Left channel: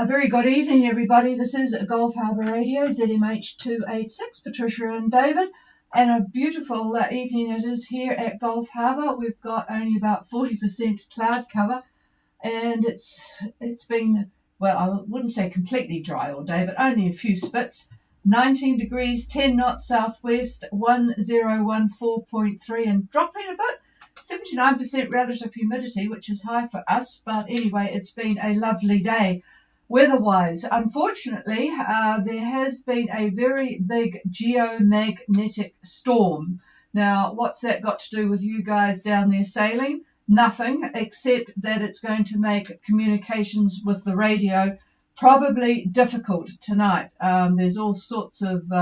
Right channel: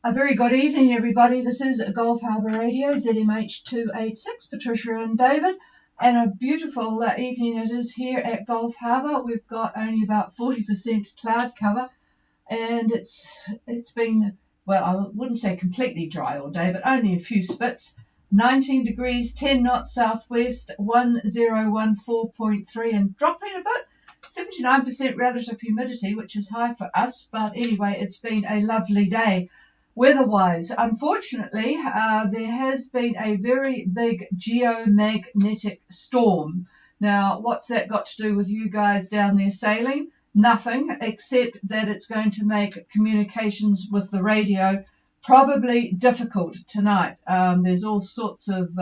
A very good evening, everybody. This is Gulf Harbour Radio, ZMH286, Patricia and David, and a beautiful evening it is here at Gulf Harbour. We've got only about 40% cloud cover, and it's been, well, I wouldn't say completely dry all day, but only a few spits. 19 degrees, 10 knots southwest, 1014.3, and dropping a bit. 79% relative humidity, which is high for us, but anyway, it's been a lovely day. Weather-wise, unfortunately, there has been a very big geomagnetic storm. Now, what's that got to do with you guys down there sailing? Nothing, except that it's going to make communications with the radio probably difficult tonight. There's all sorts of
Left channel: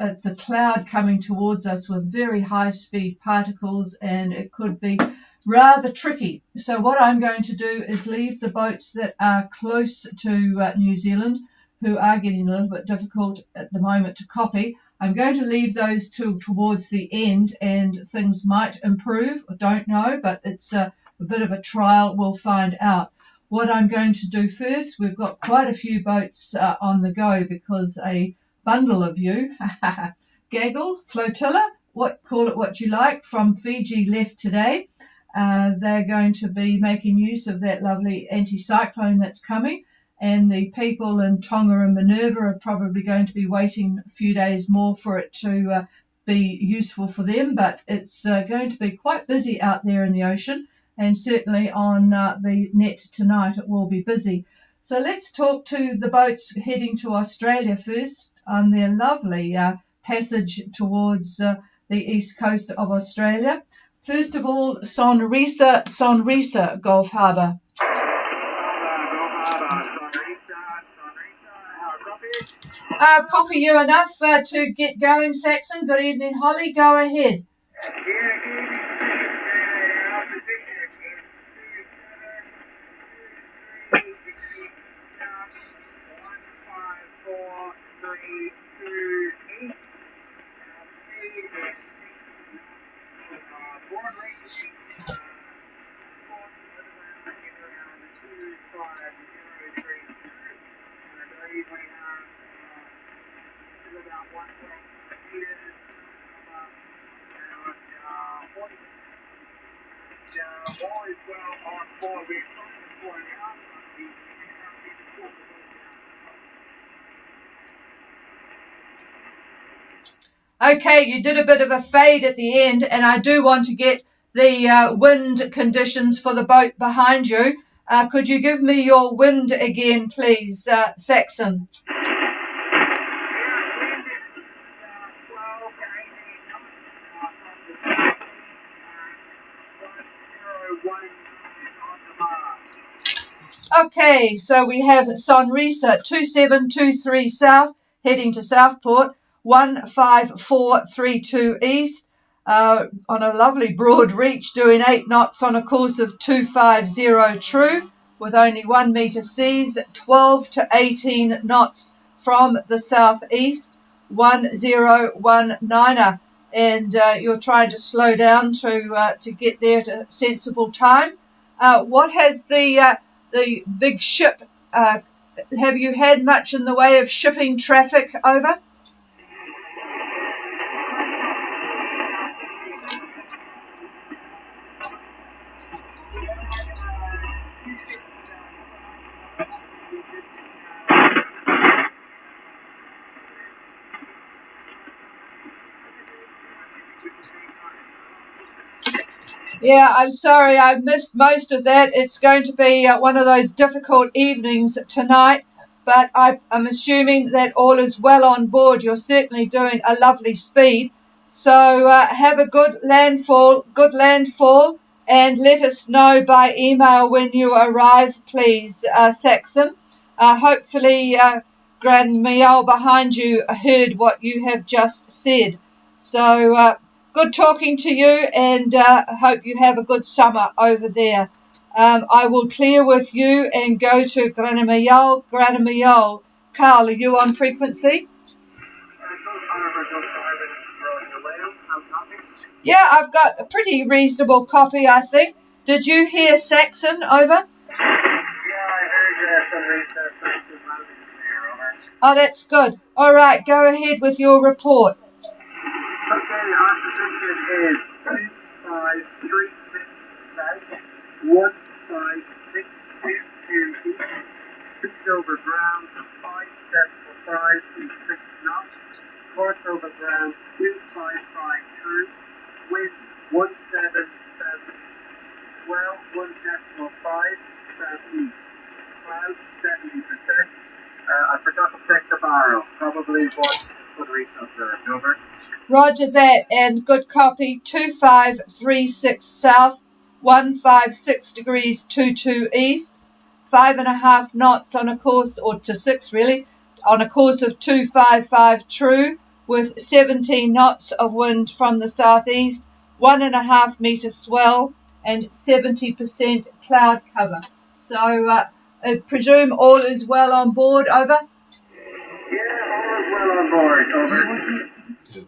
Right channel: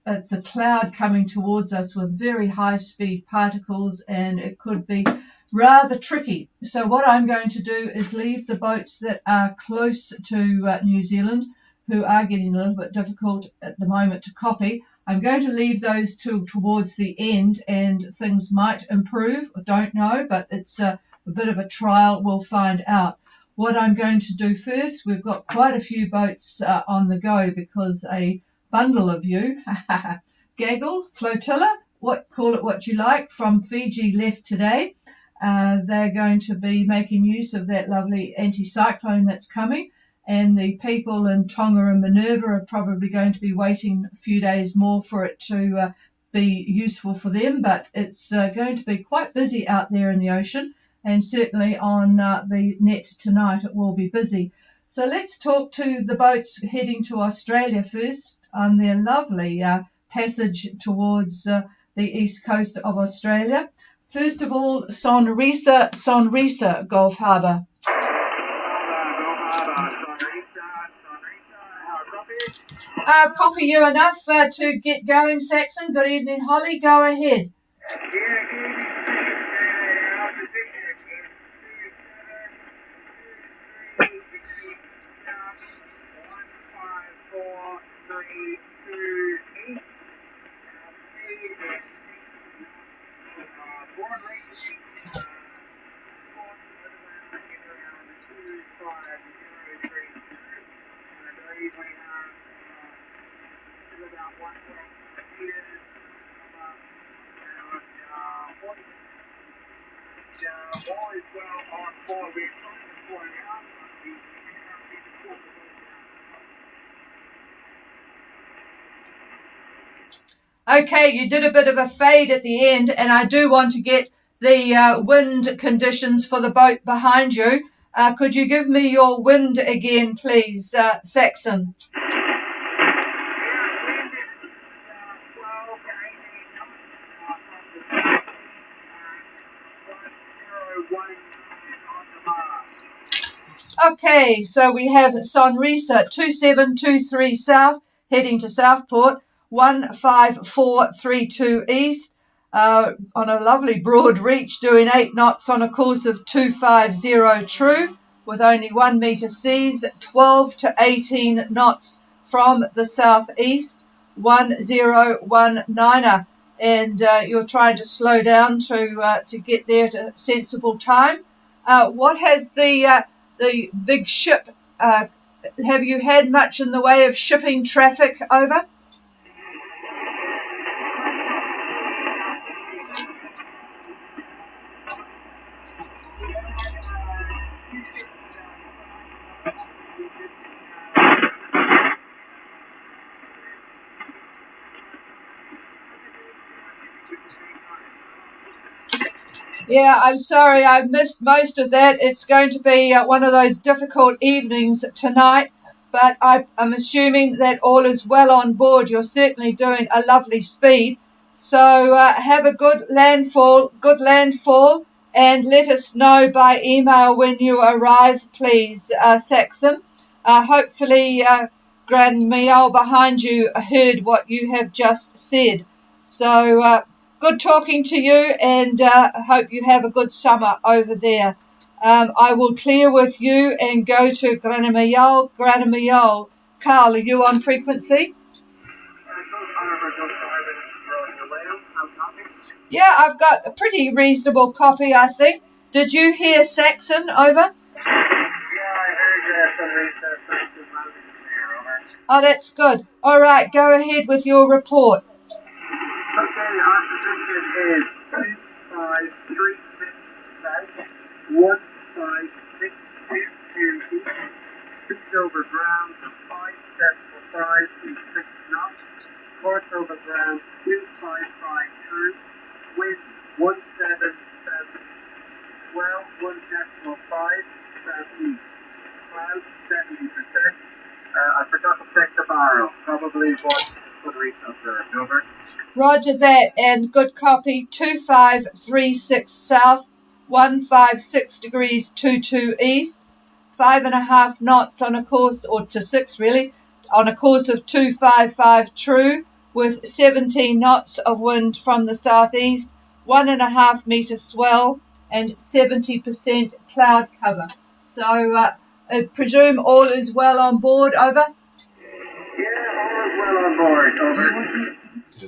it's a cloud coming towards us with very high-speed particles, and it could be rather tricky. So what I'm going to do is leave the boats that are close to New Zealand, who are getting a little bit difficult at the moment to copy. I'm going to leave those towards the end, and things might improve. I don't know, but it's a bit of a trial. We'll find out. What I'm going to do first, we've got quite a few boats on the go because a bundle of you, gaggle, flotilla, call it what you like, from Fiji left today. They're going to be making use of that lovely anticyclone that's coming, and the people in Tonga and Minerva are probably going to be waiting a few days more for it to be useful for them, but it's going to be quite busy out there in the ocean, and certainly on the net tonight it will be busy. So let's talk to the boats heading to Australia first on their lovely passage towards the east coast of Australia. First of all, Sonrisa, Gulf Harbour. Copy you enough to get going, Saxon. Good evening, Holly. Go ahead. Okay, you did a bit of a fade at the end, and I do want to get the wind conditions for the boat behind you. Could you give me your wind again, please, Saxon? Okay, so we have Sonrisa 2723 south, heading to Southport, 15432 east, on a lovely broad reach, doing 8 knots on a course of 250 true, with only 1 metre seas, 12 to 18 knots from the southeast, 1019er, and you're trying to slow down to get there at a sensible time. What has the big ship, have you had much in the way of shipping traffic over? Yeah, I'm sorry, I missed most of that. It's going to be one of those difficult evenings tonight, but I'm assuming that all is well on board. You're certainly doing a lovely speed. So have a good landfall, and let us know by email when you arrive, please, Saxon. Hopefully, Grand Miel behind you heard what you have just said. So good talking to you, and hope you have a good summer over there. I will clear with you and go to Grand Miel. Carl, are you on frequency? Yeah, I've got a pretty reasonable copy, I think. Did you hear Saxon? Over? Oh, that's good. All right, go ahead with your report. Over ground, 575 to 6 knots. North over the ground, 2552. Wind 177. Well, 1 decimal 5 southeast. Cloud 70%. I forgot to take the mile. Probably what the reason of the over. Roger that, and good copy. 2536 south, 156 degrees 22 east. 5.5 knots on a course, or to 6 really, on a course of 255 true, with 17 knots of wind from the southeast, 1.5 metre swell, and 70% cloud cover. So I presume all is well on board, over?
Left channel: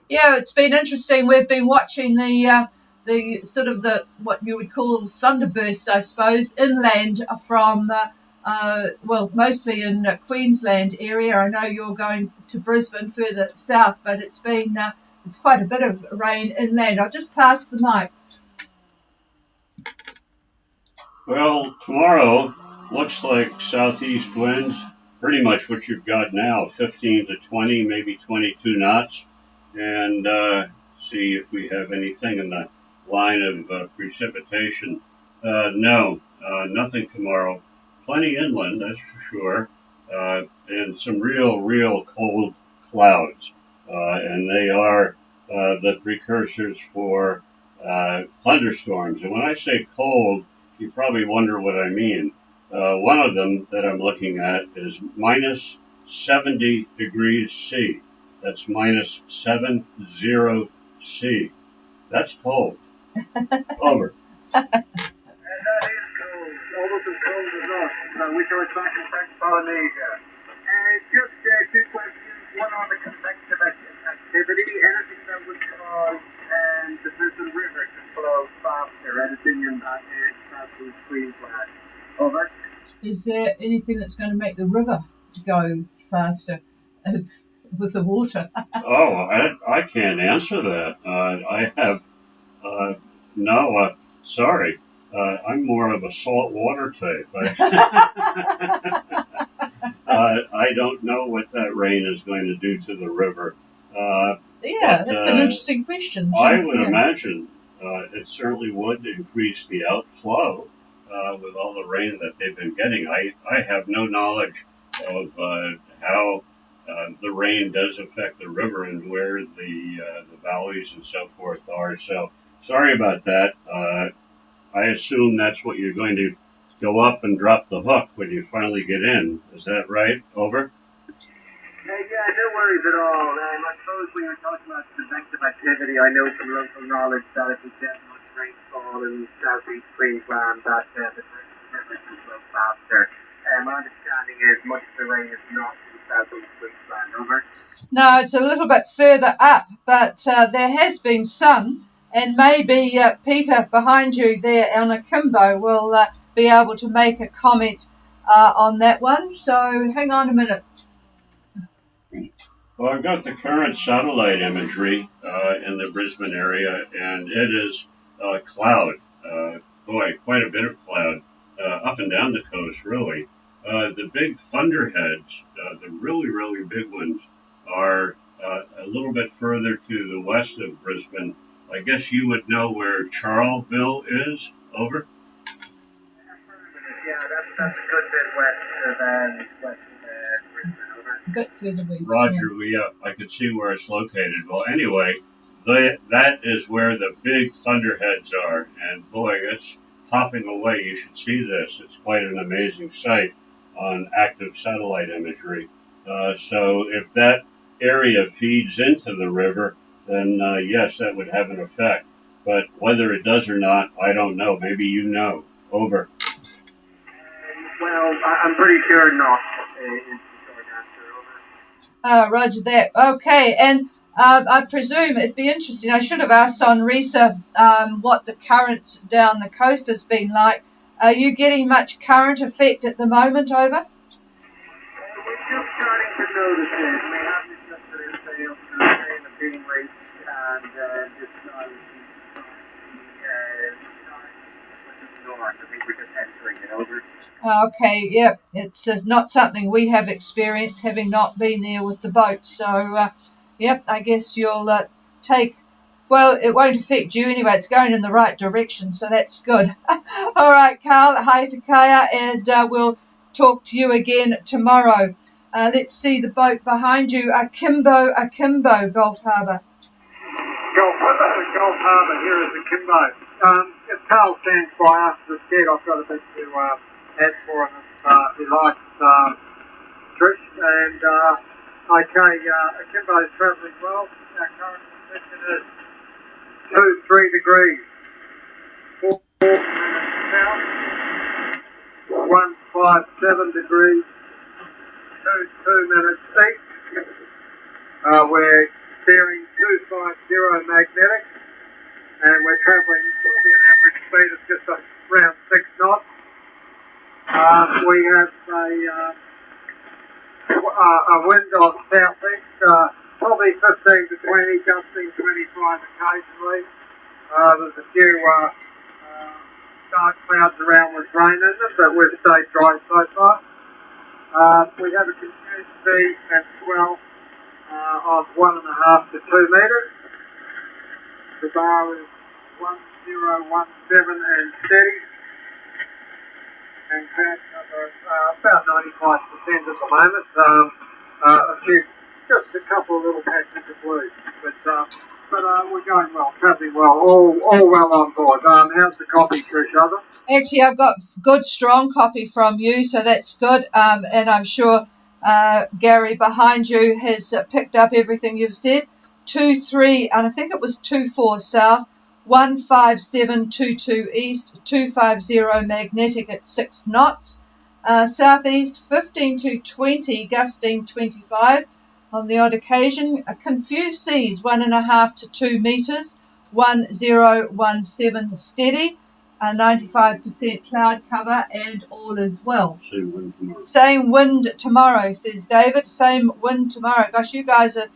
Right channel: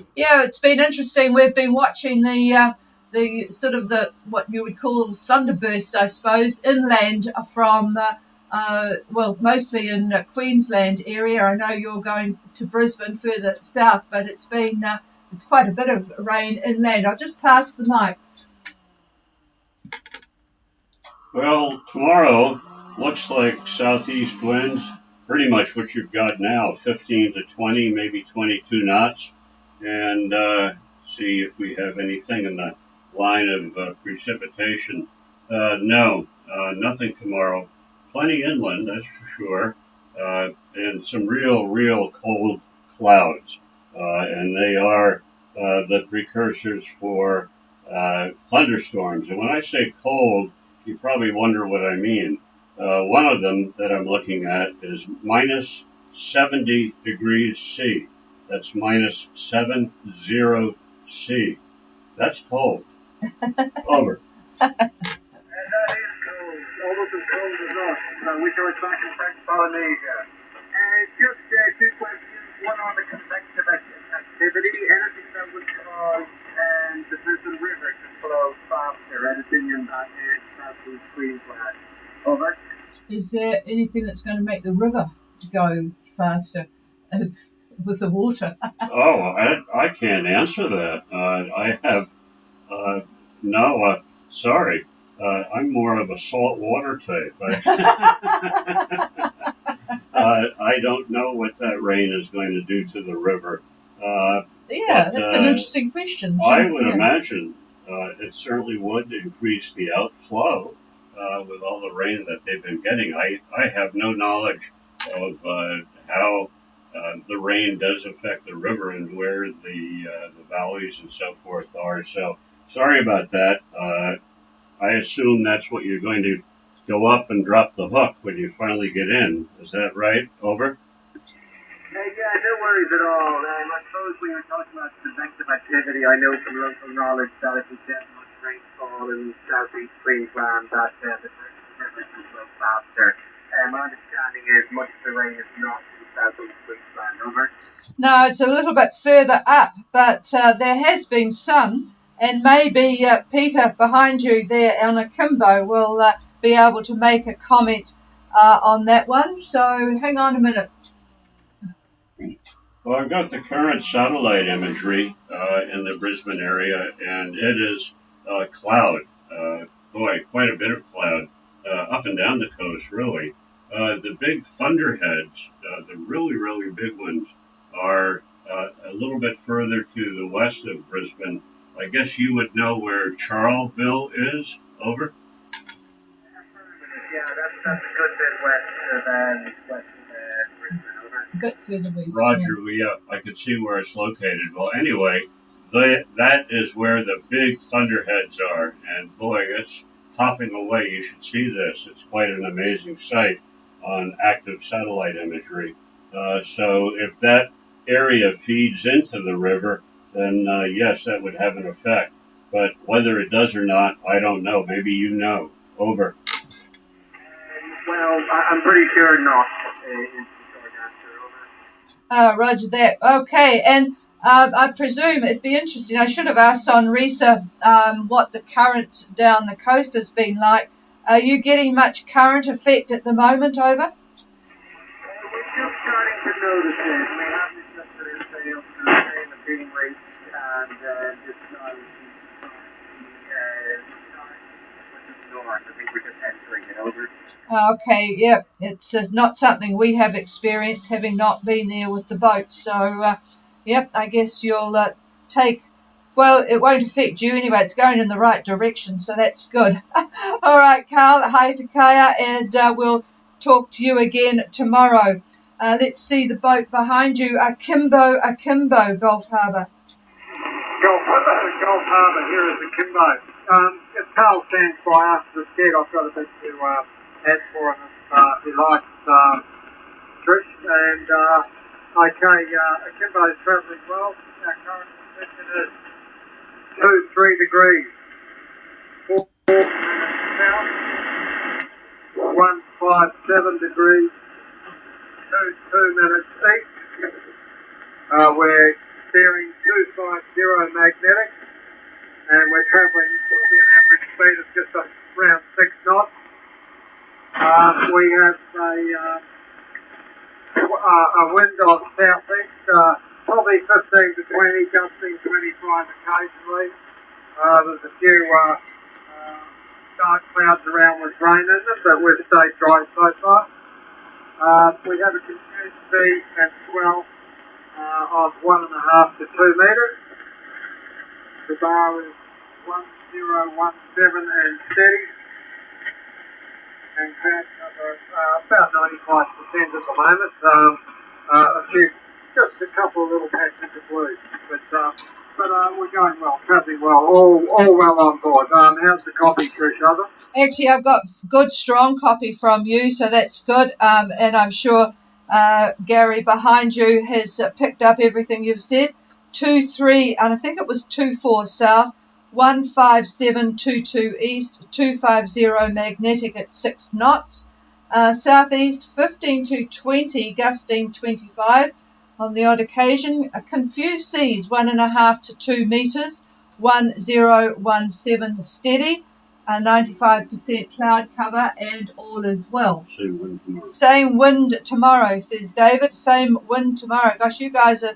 Yeah, it's been interesting. We've been watching the sort of the what you would call thunderbursts, I suppose, inland from well, mostly in the Queensland area. I know you're going to Brisbane further south, but it's been it's quite a bit of rain inland. I've just passed the mic. Well, tomorrow looks like southeast winds, pretty much what you've got now, 15 to 20, maybe 22 knots. And see if we have anything in the line of precipitation. No, nothing tomorrow. Plenty inland, that's for sure, and some real cold clouds. And they are the precursors for thunderstorms. And when I say cold, you probably wonder what I mean. One of them that I'm looking at is minus 70 degrees C. That's minus 70 C. That's cold. Over. Is there anything that's going to make the river go faster with the water? I can't answer that. I have no. Sorry. I'm more of a salt water type. I don't know what that rain is going to do to the river. Yeah, that's an interesting question. I would imagine it certainly would increase the outflow with all the rain that they've been getting. I have no knowledge of how the rain does affect the river and where the valleys and so forth are. So sorry about that. I assume that's what you're going to go up and drop the hook when you finally get in. Is that right? Over? Yeah, no worries at all. I suppose we were talking about convective activity. I know from local knowledge that if you get much rainfall in southeast Queensland, that the will faster. My understanding is much of the rain is not in southeast Queensland, over. No, it's a little bit further up, but there has been some. And maybe Peter behind you there on Akimbo will be able to make a comment on that one. So hang on a minute. Well, I've got the current satellite imagery in the Brisbane area, and it is cloud. Quite a bit of cloud up and down the coast, really. The big thunderheads, the really big ones, are a little bit further to the west of Brisbane. I guess you would know where Charleville is, over? Yeah, that's a good bit west of Brisbane, over. Roger, I can see where it's located. Well, anyway, that is where the big thunderheads are, and boy, it's hopping away. You should see this. It's quite an amazing sight on active satellite imagery. So if that area feeds into the river, then yes, that would have an effect. But whether it does or not, I don't know. Maybe you know. Over. Well, I'm pretty sure not. Roger that. Okay, and I presume it'd be interesting. I should have asked on Risa what the current down the coast has been like. Are you getting much current effect at the moment, over? We're just starting to Okay, yeah, it's not something we have experienced, having not been there with the boat. So, yep, I guess you'll take. Well, it won't affect you anyway. It's going in the right direction, so that's good. All right, Carl. Hi to Kaya, and we'll talk to you again tomorrow. Let's see the boat behind you. Akimbo, Gulf Harbour. Gulf Harbour, here is Akimbo. It's Carl stands by after the kid. I've got a bit to add for him. He likes trips, and Akimbo is travelling well. Our current position is 2-3 degrees. 4 south, 157 degrees. 2 east. We're steering 250 magnetic, and we're travelling at an average speed of just around 6 knots. We have a wind of southeast, probably 15 to 20, gusting 25 occasionally. There's a few dark clouds around with rain in it, but we're staying dry so far. We have a continued speed as well of 1.5 to 2 metres. The bar is 1017 and 2. And about 95% at the moment. Just a couple of little patches of words, but we're going well, travelling well, all well on board. How's the coffee, Susanna? Actually, I've got good, strong copy from you, so that's good. And I'm sure Gary behind you has picked up everything you've said. 23, I think it was 24 south, 15722 east, 250 magnetic at 6 knots. Southeast 15 to 20, gusting 25 on the odd occasion. Confused seas 1.5 to 2 metres, 1017 steady. 95% cloud cover, and all is well. Same wind tomorrow, says David. Same wind tomorrow. Gosh, you guys are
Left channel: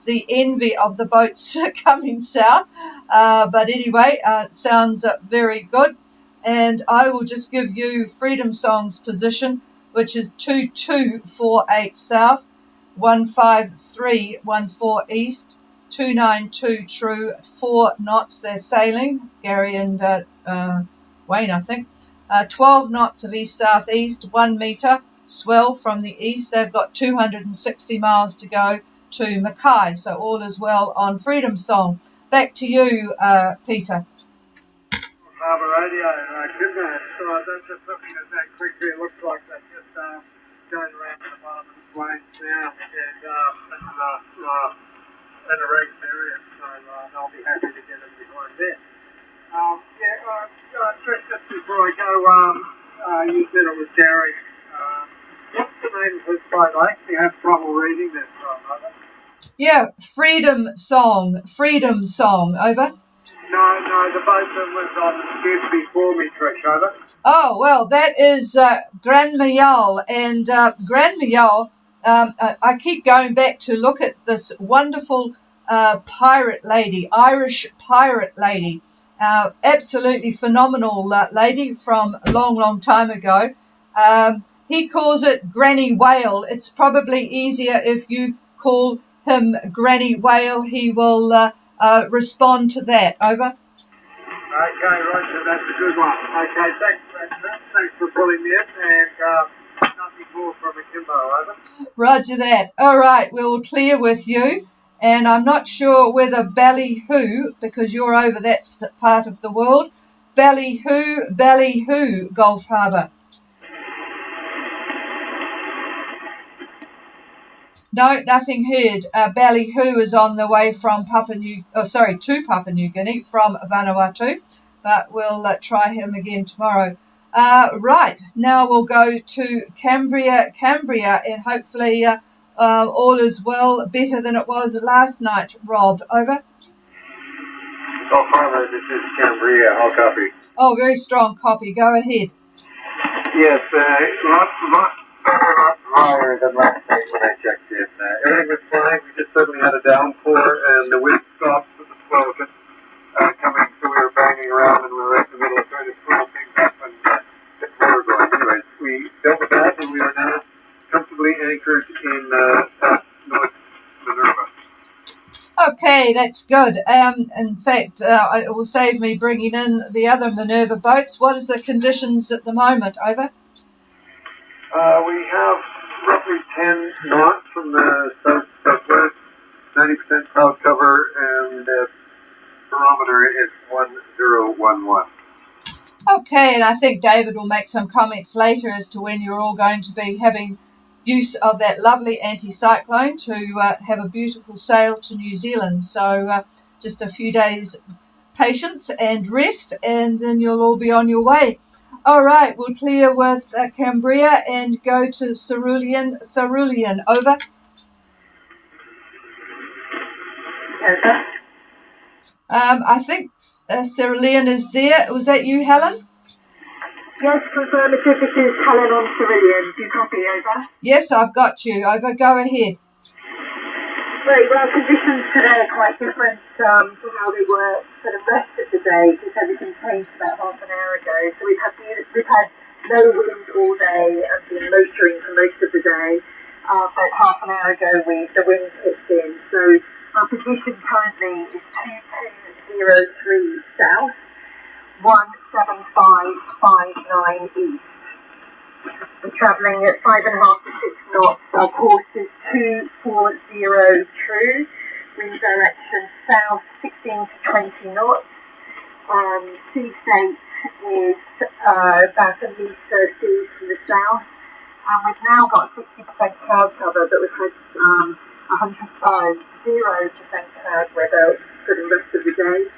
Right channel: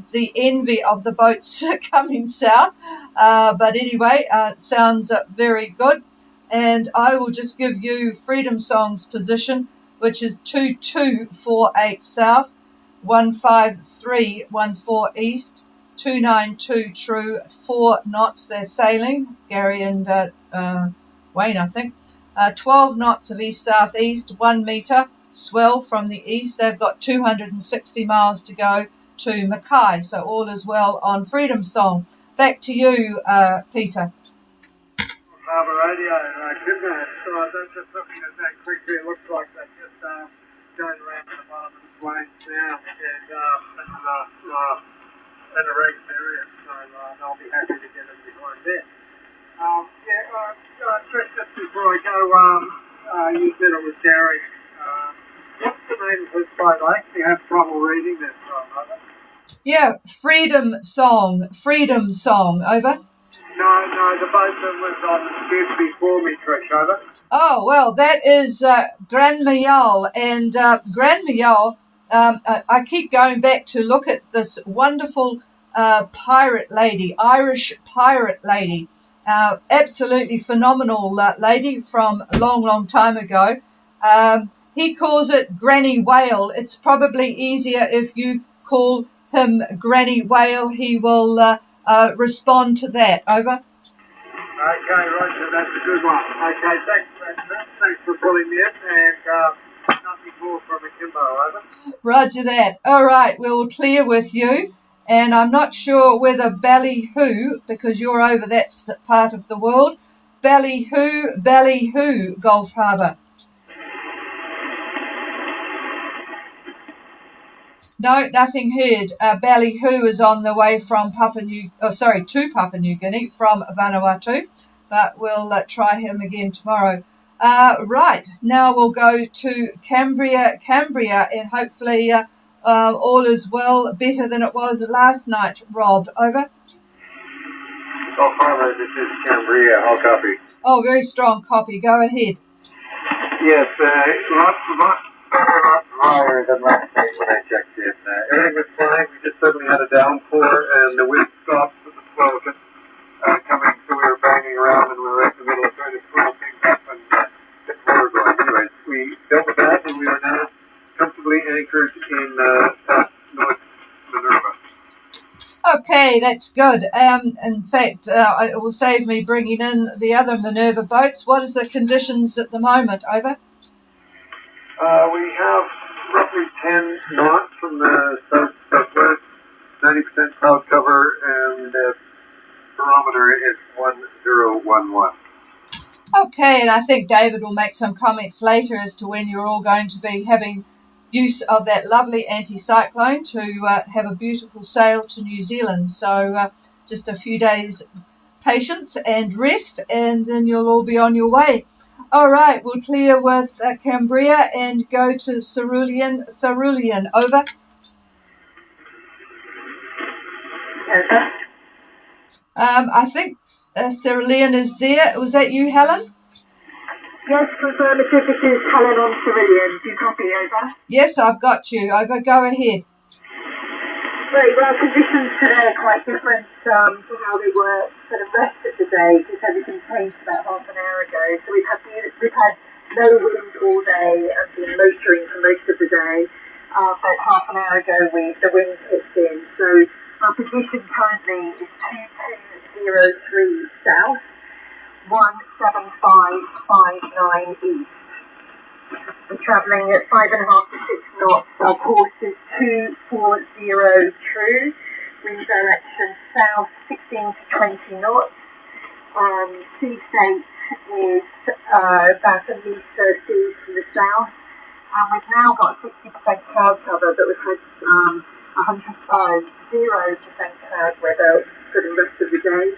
the envy of the boats coming south. But anyway, it sounds very good. And I will just give you Freedom Song's position, which is 2248 south, 15314 east, 292 true, 4 knots. They're sailing, Gary and Wayne, I think. 12 knots of east-southeast, 1 metre, swell from the east. They've got 260 miles to go to Mackay, so all is well on Freedom Song. Back to you, Peter. It looks like that's just going around the plains now, and at a very area, so I'll be happy to get it before this. Chris, just before I go, you said it was Gary. What's the name of this boat, mate? You have trouble reading it. Yeah, Freedom Song, Freedom Song, over. No, the boat that was on Tuesday before we first over. Oh, well, that is Grand Mayal, and Grand Mayal, I keep going back to look at this wonderful pirate lady, Irish pirate lady, absolutely phenomenal lady from a long, long time ago. He calls it Granny Whale. It's probably easier if you call him Granny Whale. He will respond to that. Over. Okay, Roger, that's a good one. Okay, thanks for calling in, and before from the Kimbo. Roger that. All right, we'll clear with you. And I'm not sure whether Ballyhoo, because you're over that part of the world, Ballyhoo, Gulf Harbour. No, nothing heard. Ballyhoo is on the way from to Papua New Guinea from Vanuatu, but we'll try him again tomorrow. Right, now we'll go to Cambria, and hopefully all is well, better than it was last night. Rob, over. Oh, this is Cambria, I'll copy. Oh, very strong copy. Go ahead. Yes, higher than last day when I checked in. Everything was fine, just certainly had a downpour, and the wind stopped with the slogan coming through, banging around in the rest of it, trying to pull things up, and we built that, and we are now comfortably anchored in South North Minerva. Okay, that's good. In fact, it will save me bringing in the other Minerva boats. What is the conditions at the moment? Over. We have roughly 10 knots from the southwest, 90% cloud cover, and the barometer is 1011. Okay, and I think David will make some comments later as to when you're all going to be having use of that lovely anticyclone to have a beautiful sail to New Zealand. So just a few days patience and rest, and then you'll all be on your way. All right, we'll clear with Cambria and go to Cerulean. Cerulean, over. I think Cerulean is there. Was that you, Helen? Yes, the this is Helen on Cerulean. Do you copy, over? Yes, I've got you. Over, go ahead. Right, well, conditions today are quite different from how we were for the rest of the day, because it changed about half an hour ago. So we've had no wind all day, and been motoring for most of the day. But half an hour ago, the wind kicked in. So our condition currently is 2203 south, 17559 east. We're travelling at 5.5 to 6 knots. Our course is 240 true. Wind direction south 16-20 knots. Sea state is about 30 to the south. We've now got 60% cloud cover, but we've had 105, 0% cloud weather for the rest of the day.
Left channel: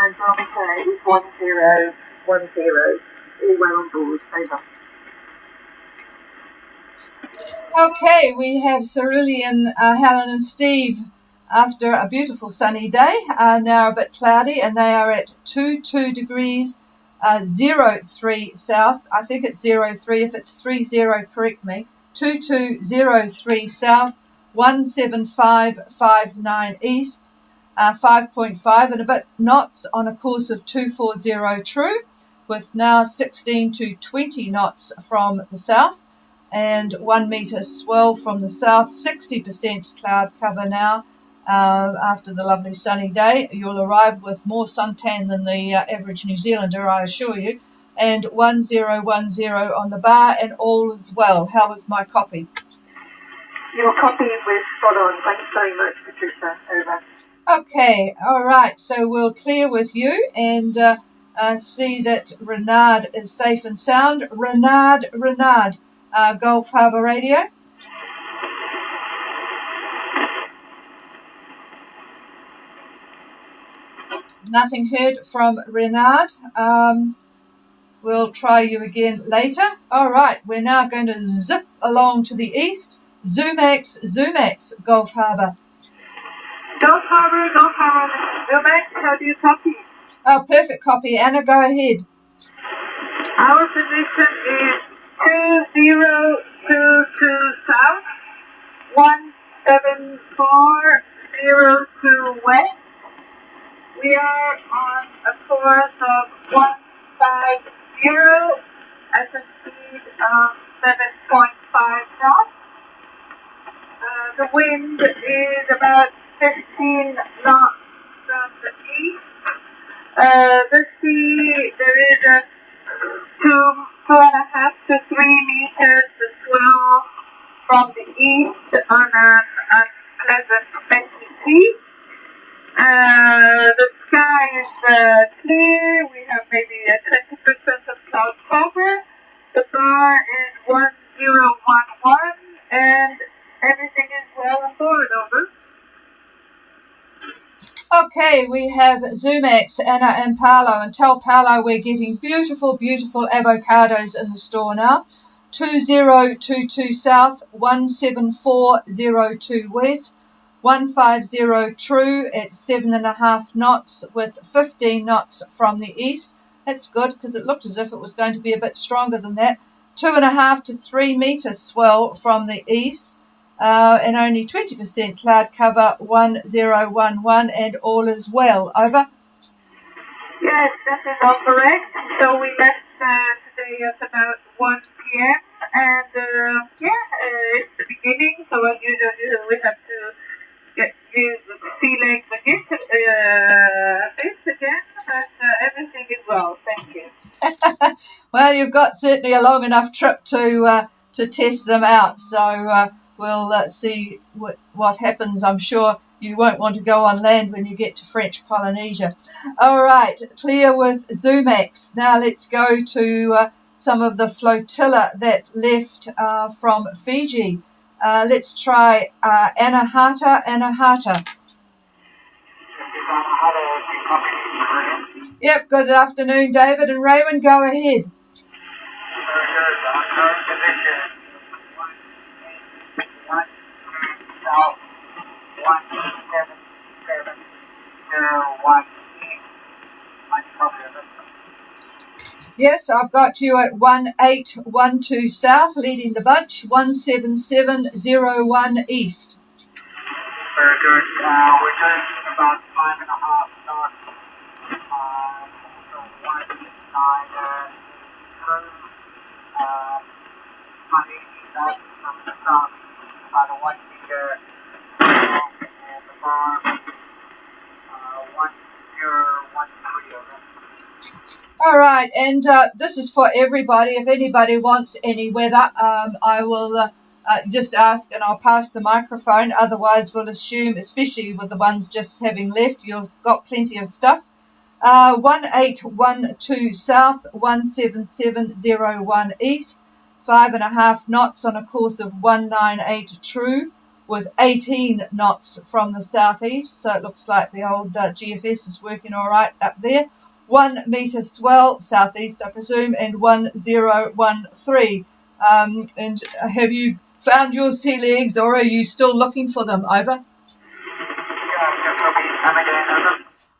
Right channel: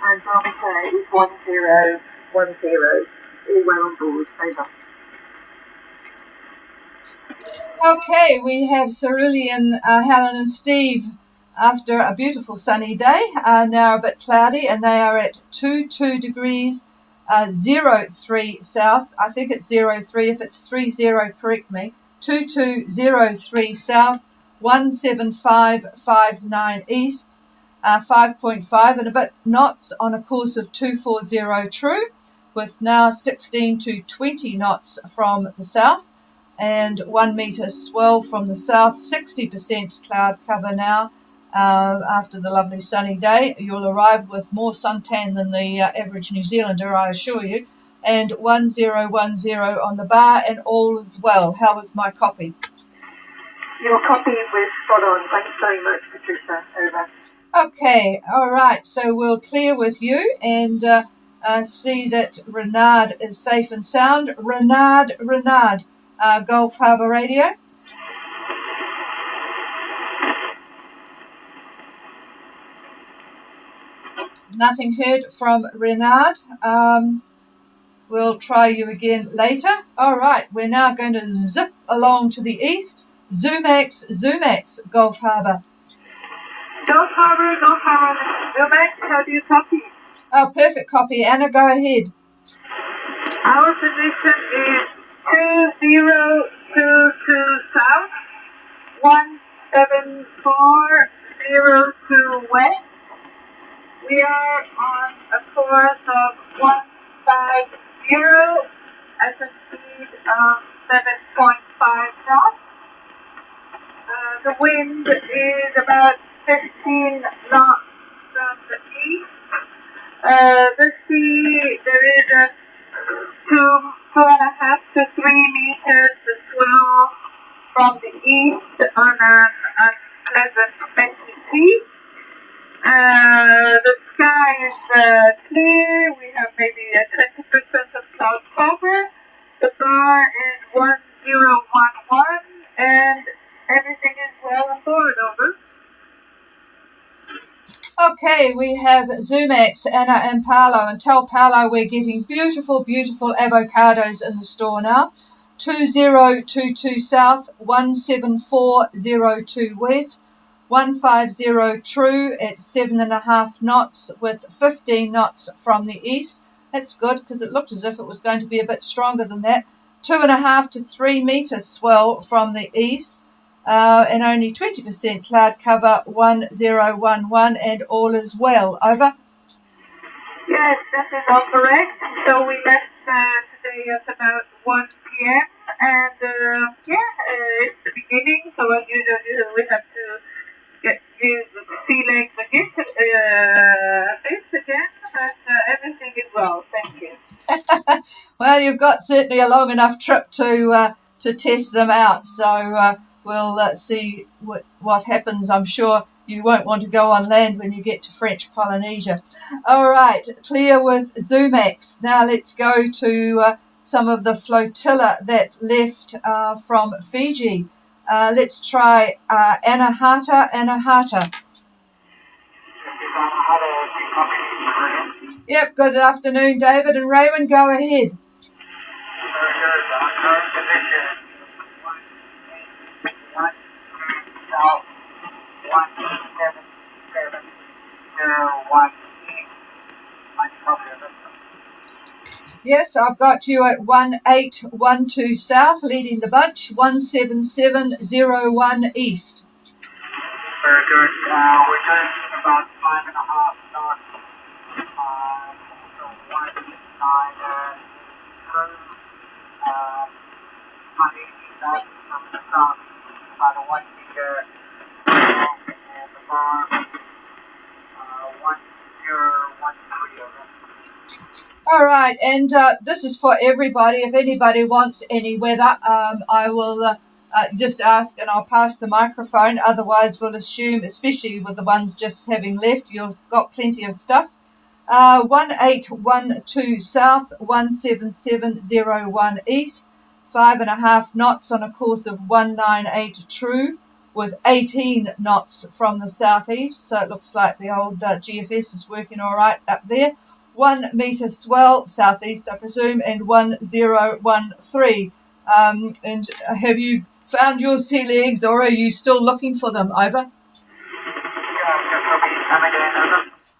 And barometer is 1010, all round board, over. Okay, we have Cerulean, Helen and Steve after a beautiful sunny day, now a bit cloudy, and they are at 22 degrees 03 south. I think it's 03. If it's 30, correct me. 2203 south, 17559 east, 5.5 and a bit knots on a course of 240 true, with now 16 to 20 knots from the south. And 1 metre swell from the south, 60% cloud cover now. After the lovely sunny day, you'll arrive with more suntan than the average New Zealander, I assure you. And 1010 on the bar, and all is well. How was my copy? Your copy was spot on. Thanks very much, Patricia. Okay, all right. So we'll clear with you and see that Renard is safe and sound. Renard. Gulf Harbour Radio. Nothing heard from Renard. We'll try you again later. All right, we're now going to zip along to the east. Zumax, Gulf Harbour. Gulf Harbour, Zumax, how do you copy? Oh, perfect copy. Anna, go ahead. Our position is 2022 south, 17402 west. We are on a course of 150 at a speed of 7.5 knots. The wind is about 15 knots from the east. The sea, there is a 2.5 to 3 meters swell from the east on a pleasant messy sea. The sky is clear. We have maybe a 30% of cloud cover. The bar is 1011, and everything is well forward, over. Okay, we have Zumax, Anna and Paolo. And tell Paolo we're getting beautiful, beautiful avocados in the store now. 2022 south, 17402 west, 150 true at 7.5 knots with 15 knots from the east. That's good because it looked as if it was going to be a bit stronger than that. 2.5 to 3 metres swell from the east, and only 20% cloud cover, 1011, and all is well. Over. Yes, that is all correct. So we left today at about 1 p.m. And it's the beginning, so usually we have to get used to the feeling again, but everything is well. Thank you. Well, you've got certainly a long enough trip to test them out, so we'll see what happens. I'm sure you won't want to go on land when you get to French Polynesia. All right, clear with Zumax. Now let's go to some of the flotilla that left from Fiji. Let's try Anahata. Yep, good afternoon, David and Raymond. Go ahead. Yes, I've got you at 1812 south, leading the bunch, 17701 east. Very good. We're heading about 5.5 knots. All right, and this is for everybody. If anybody wants any weather, I will just ask and I'll pass the microphone. Otherwise, we'll assume, especially with the ones just having left, you've got plenty of stuff. 1812 south, 17701 east, 5.5 knots on a course of 198 true, with 18 knots from the southeast. So it looks like the old GFS is working all right up there. 1 metre swell southeast, I presume, and 1013. And have you found your sea legs, or are you still looking for them? Over.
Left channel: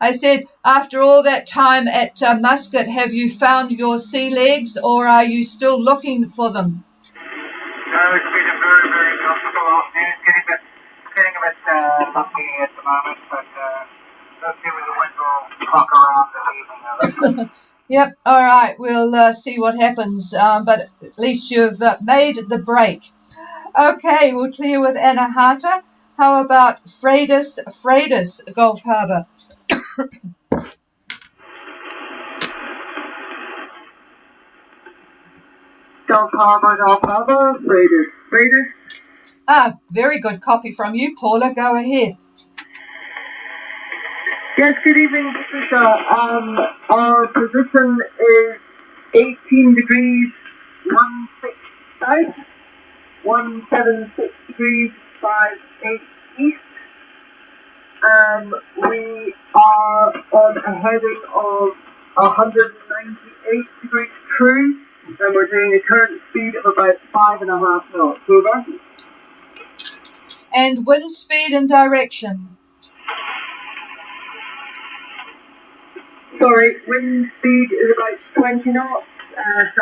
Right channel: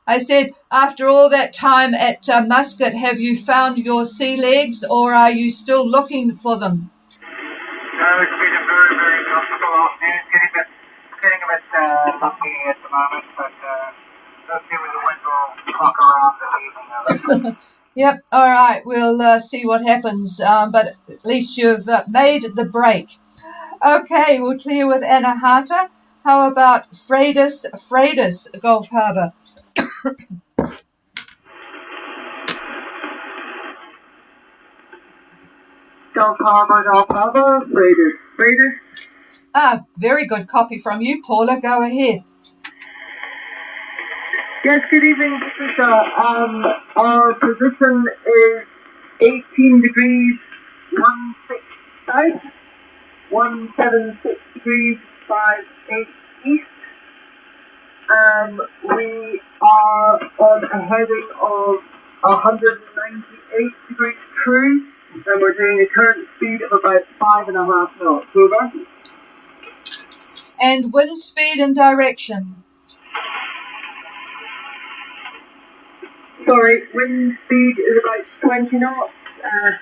I said, after all that time at Muscat, have you found your sea legs, or are you still looking for them? Yep, all right, we'll see what happens, but at least you've made the break. Okay, we'll clear with Anahata. How about Freitas, Gulf Harbour? Gulf Harbour, Freitas. Ah, very good copy from you, Paula. Go ahead. Yes, good evening, so our position is 18 degrees 16 south, 176 degrees 58 east, and we are on a heading of 198 degrees true, and we're doing a current speed of about 5.5 knots. And wind speed and direction. Sorry, wind speed is like 20 knots and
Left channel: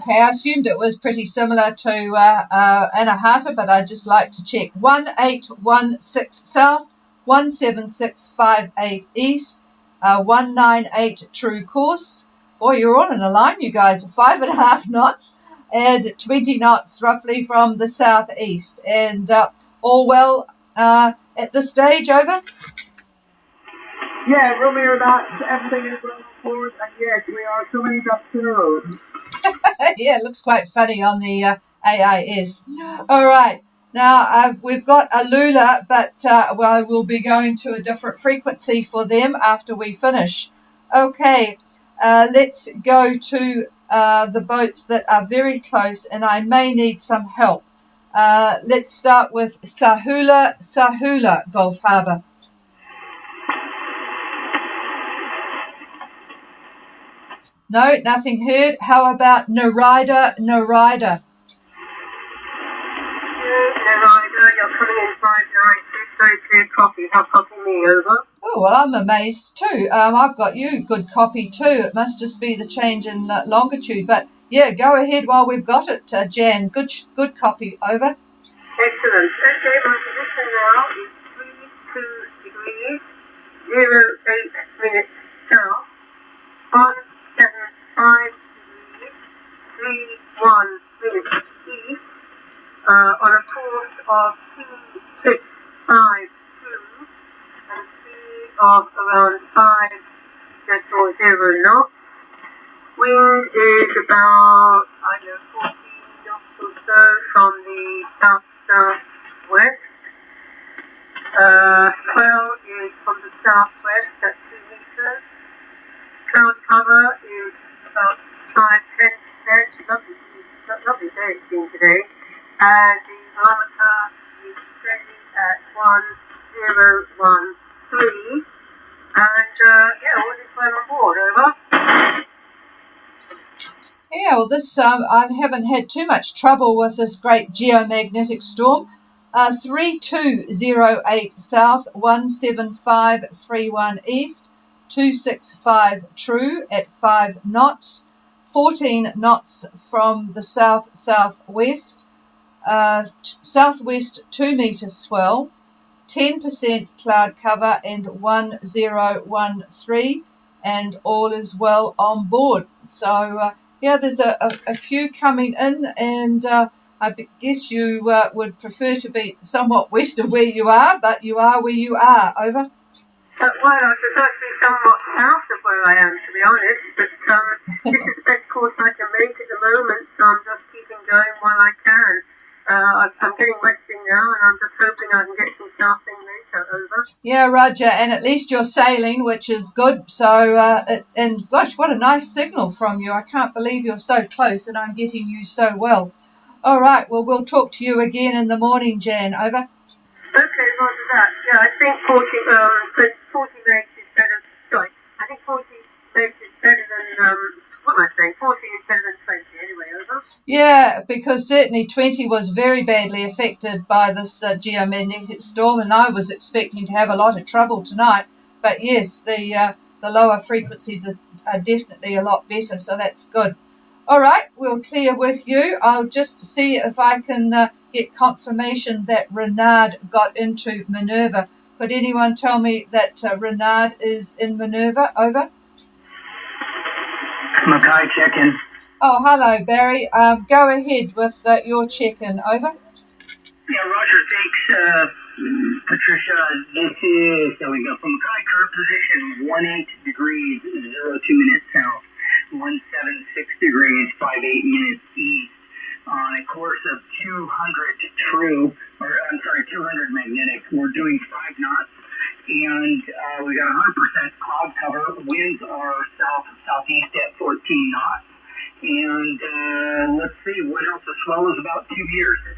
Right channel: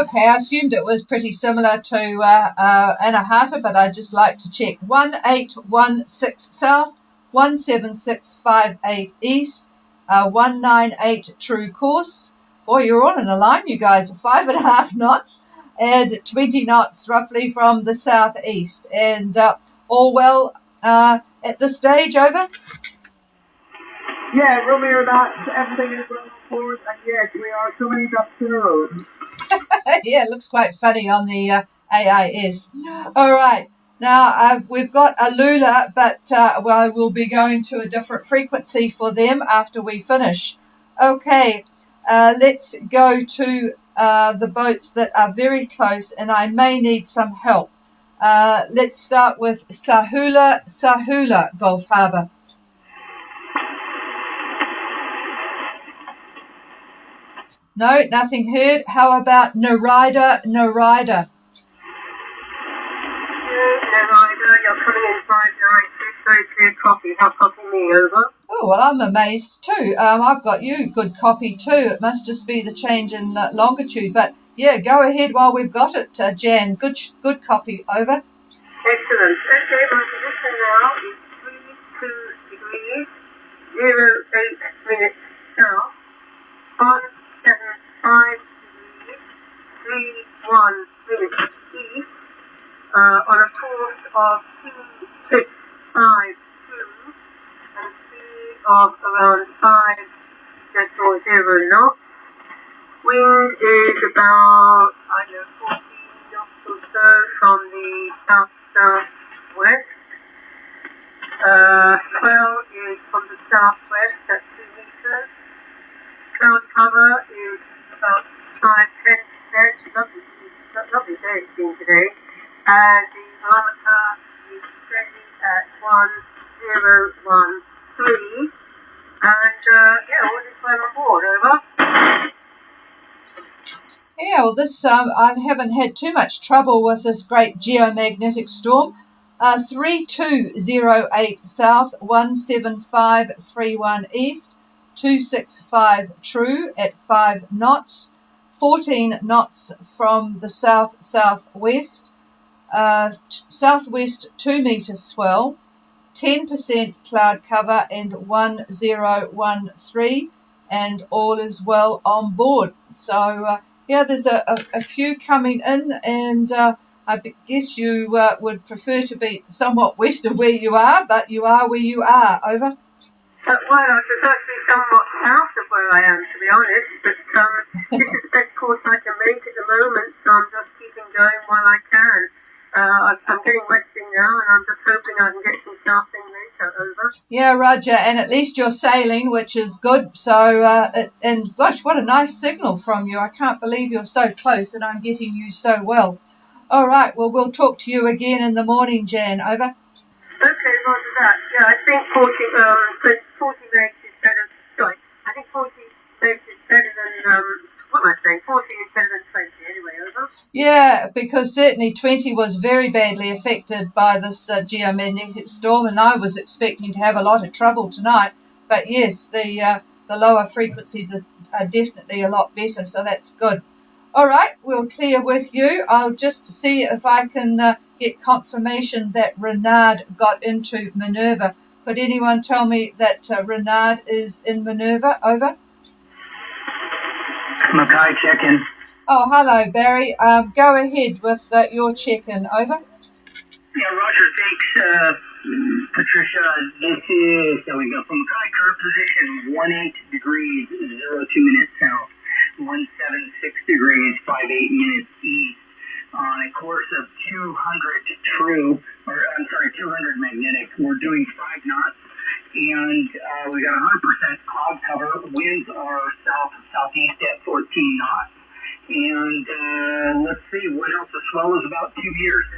Okay, I assumed it was pretty similar to Anahata, but I'd just like to check. 1816 south, 17658 east, 198 true course. Boy, you're all in a line, you guys. 5.5 knots and 20 knots roughly from the southeast. And all well at this stage, over? Yeah, earlier that forward, yes, we are coming up to the road. Yeah, it looks quite funny on the AIS. All right, now we've got a Lula, but we'll be going to a different frequency for them after we finish. Okay, let's go to the boats that are very close, and I may need some help. Let's start with Sahula, Gulf Harbour. No, nothing heard. How about Narida? very good copy. How about me, over? Oh, well, I'm amazed too. I've got you good copy too. It must just be the change in longitude. But yeah, go ahead while we've got it, Jan. Good copy. Over. Excellent. Okay, I'm looking now. 32 degrees, 08 minutes south, 175 degrees, 31 minutes east, on a course of 2652 and speed of around 5.0 knots. Wind is about, 14 knots or so from the south-southwest. Swell is from the southwest at 2 meters. Cloud cover is about 5-10%. Lovely day it's been today. And the thermometer is steady at 1013. And what's the final report, over? Yeah, well, this I haven't had too much trouble with this great geomagnetic storm. 3208 south, 17531 east, 265 true at 5 knots, 14 knots from the south-southwest, southwest 2 meters swell, 10% cloud cover and 1013, and all is well on board. So yeah, there's a few coming in, and I guess you would prefer to be somewhat west of where you are, but you are where you are. Over. Well, I prefer to be somewhat south of where I am, to be honest, but of course I can make it a little bit, so I'm just keeping going while I can. I'm getting westing now, and I'm just hoping I'm getting something later, over. Yeah, Roger, and at least you're sailing, which is good. So, and gosh, what a nice signal from you. I can't believe you're so close and I'm getting you so well. All right, well, we'll talk to you again in the morning, Jan. Over. Okay, what's that? Yeah, I think 40 days is better. Sorry, I think 40 days is better than, what am I saying? 40 is better than 20 anyway, over. Yeah, because certainly 20 was very badly affected by this geomagnetic storm, and I was expecting to have a lot of trouble tonight. But yes, the lower frequencies are definitely a lot better, so that's good. All right, we'll clear with you. I'll just see if I can get confirmation that Renard got into Minerva. Could anyone tell me that Renard is in Minerva? Over. Mackay check-in. Oh, hello, Barry. Go ahead with your check-in. Over. Yeah, Roger, thanks, Patricia. This is, there we go, from current position, 18 degrees, 02 minutes south, 176 degrees, 58 minutes east, on a course of 200 true, 200 magnetic. We're doing 5 knots, and we got 100% cloud cover. Winds are southeast at 14 knots. And let's see, what else? The flow is about 2 years.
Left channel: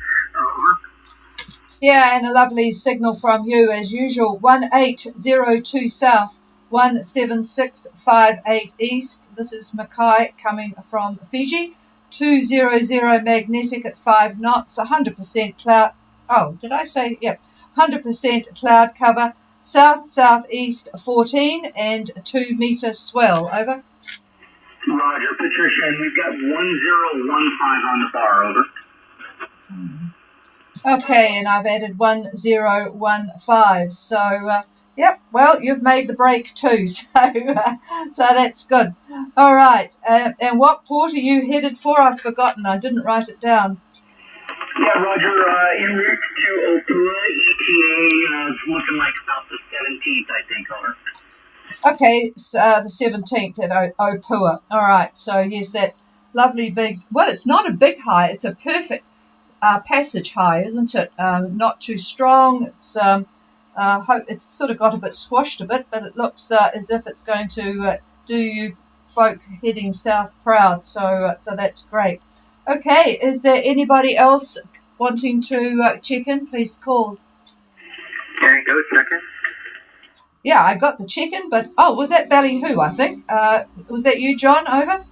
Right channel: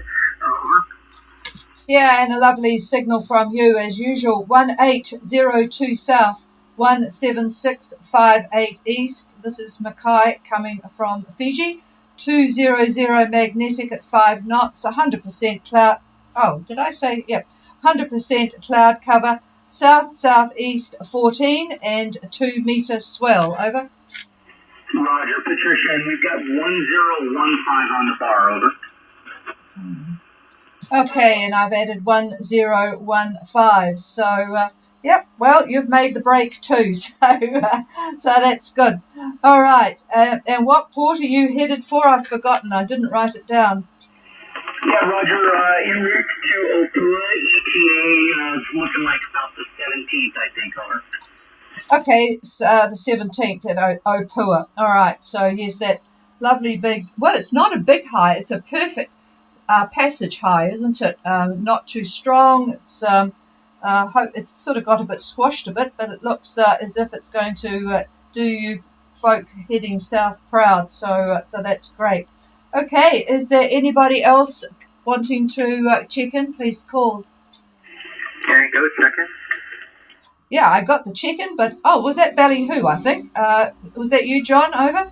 Yeah, and a lovely signal from you as usual. 1802 south, 17658 east. This is Mackay coming from Fiji. 200 magnetic at 5 knots, 100% cloud. Oh, did I say? Yeah, 100% cloud cover. South-southeast 14 and 2 meter swell. Over. Roger, Patricia, you've got 1015 on the bar, over. Okay, and I've added 1015. So, yeah, well, you've made the break too, so that's good. All right, and what port are you headed for? I've forgotten. I didn't write it down. Yeah, Roger, en route to Opua, ETA, looking like about the 17th, I think, over. Okay, it's the 17th at Opua. All right, so here's that lovely big, well, it's not a big high, it's a perfect passage high, isn't it? Not too strong. It's it's sort of got a bit squashed a bit, but it looks as if it's going to do you folk heading south proud. So that's great. Okay, is there anybody else wanting to check in? Please call. Yeah, I got the check-in, but was that Ballyhoo? I think. Was that you, John? Over.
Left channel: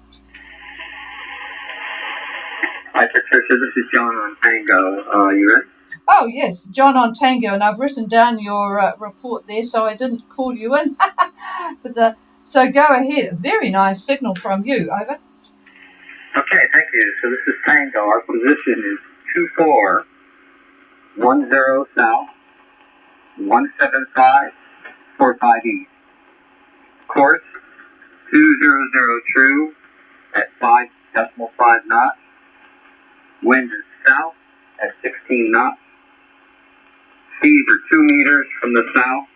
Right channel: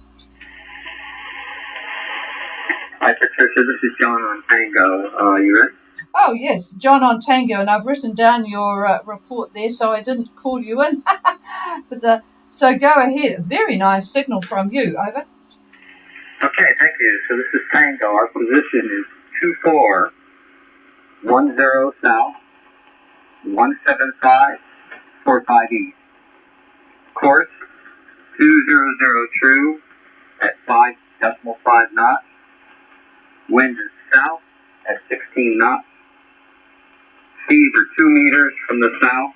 Hi, this is John Tango. You Oh, yes, John on Tango, and I've written down your report there, so I didn't call you in. So go ahead. Very nice signal from you. Over. Okay, thank you. So this is Tango. Our position is 2410 south, 17545 east. Course 2002 at 5.5 knots. Wind is south at 16 knots. Speeds are 2 meters from the south.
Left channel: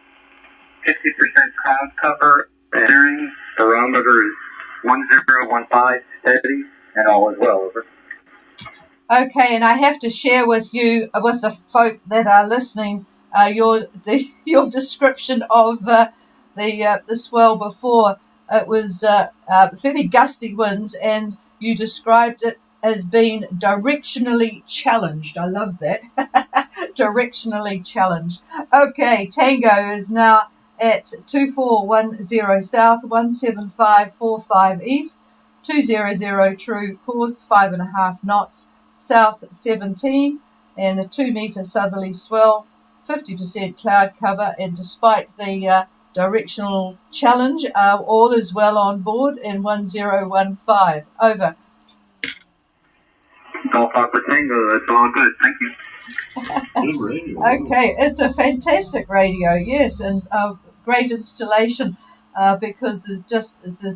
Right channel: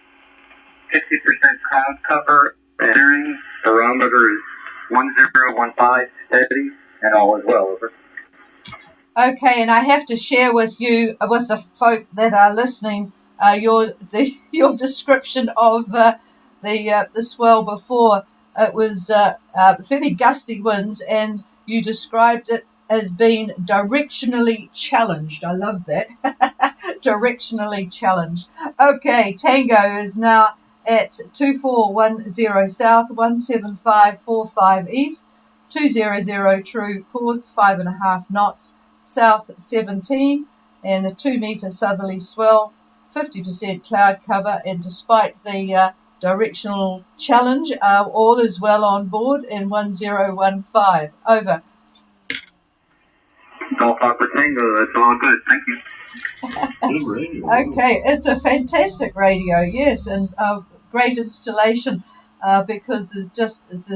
50% cloud cover. Bearing. Barometer is 1015 steady and all is over. Okay, and I have to share with you, with the folk that are listening, your description of the swell before. It was fairly gusty winds, and you described it as being directionally challenged. I love that. Directionally challenged. Okay, Tango is now at 2410 south, 17545 east, 200 true course, 5.5 knots. South 17 and a 2 metre southerly swell, 50% cloud cover, and despite the directional challenge, all is well on board in 1015. Over. Okay, it's a fantastic radio, yes, and great installation because there's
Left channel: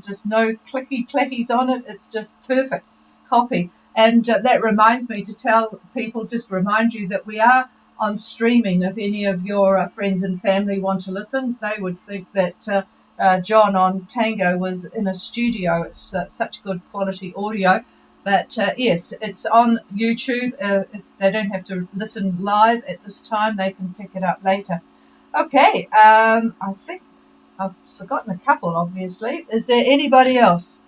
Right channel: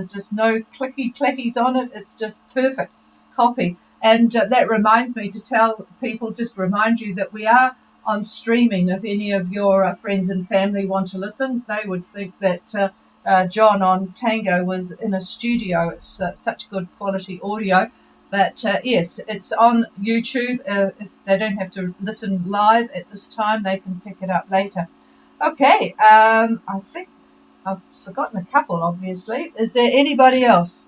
just no clicky clackies on it. It's just perfect copy. And that reminds me to tell people, just remind you that we are on streaming. If any of your friends and family want to listen, they would think that John on Tango was in a studio. It's such good quality audio. But yes, it's on YouTube. They don't have to listen live at this time. They can pick it up later. Okay, I think I've forgotten a couple, obviously. Is there anybody else?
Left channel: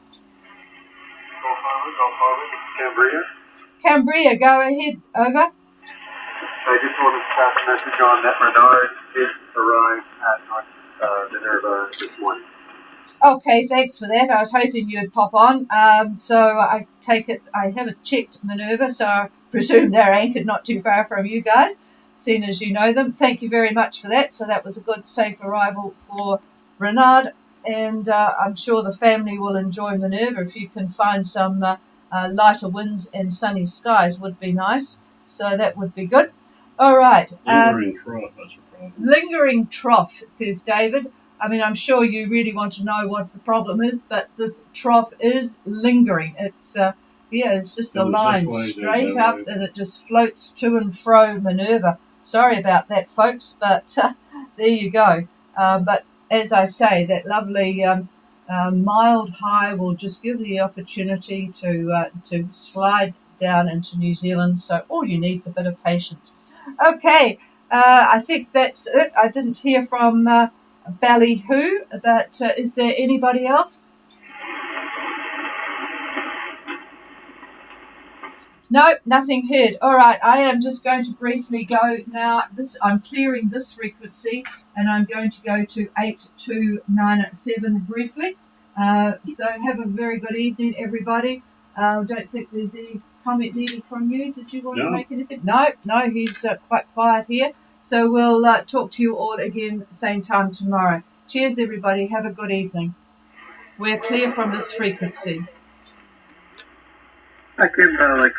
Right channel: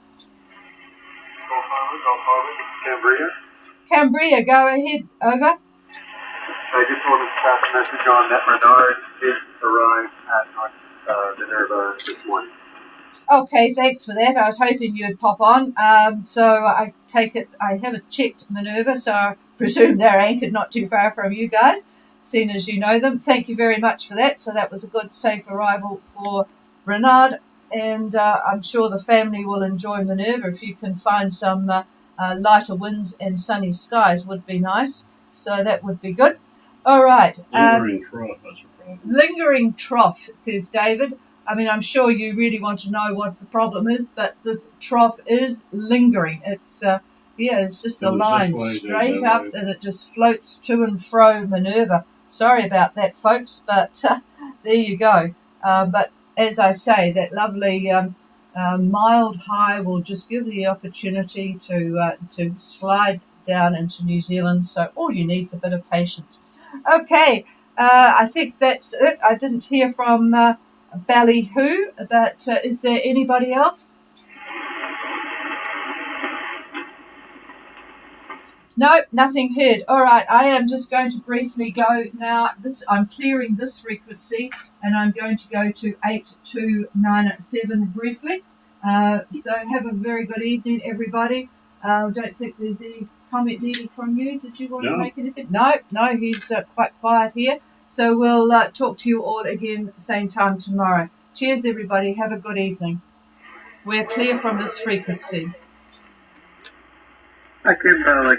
Cambria, go ahead. Over. So I just wanted to pass a message on that Renard is arriving at this morning. Okay, thanks for that. I was hoping you'd pop on. So I take it I haven't checked Minerva, so I presume they're anchored not too far from you guys, seeing as you know them. Thank you very much for that. So that was a good, safe arrival for Renard, and I'm sure the family will enjoy Minerva. If you can find some lighter winds and sunny skies, would be nice. So that would be good. All right. Lingering trough, says David. I mean, I'm sure you really want to know what the problem is, but this trough is lingering. It's it's just a line straight up, and it just floats to and fro Minerva. Sorry about that, folks, but there you go. But as I say, that lovely mild high will just give the opportunity to slide down into New Zealand. So all you need is a bit of patience. Okay, I think that's it. I didn't hear from Ballyhoo, but is there anybody else? No, nothing heard. All right, I am just going to briefly go now. I'm clearing this frequency, and I'm going to go to 8297 briefly. So have a very good evening, everybody. Don't think there's any comment needed from you. Did you want to make anything? No, he's quite quiet here. So we'll talk to you all again at the same time tomorrow. Cheers, everybody. Have a good evening. We're clear from this frequency. Thank you.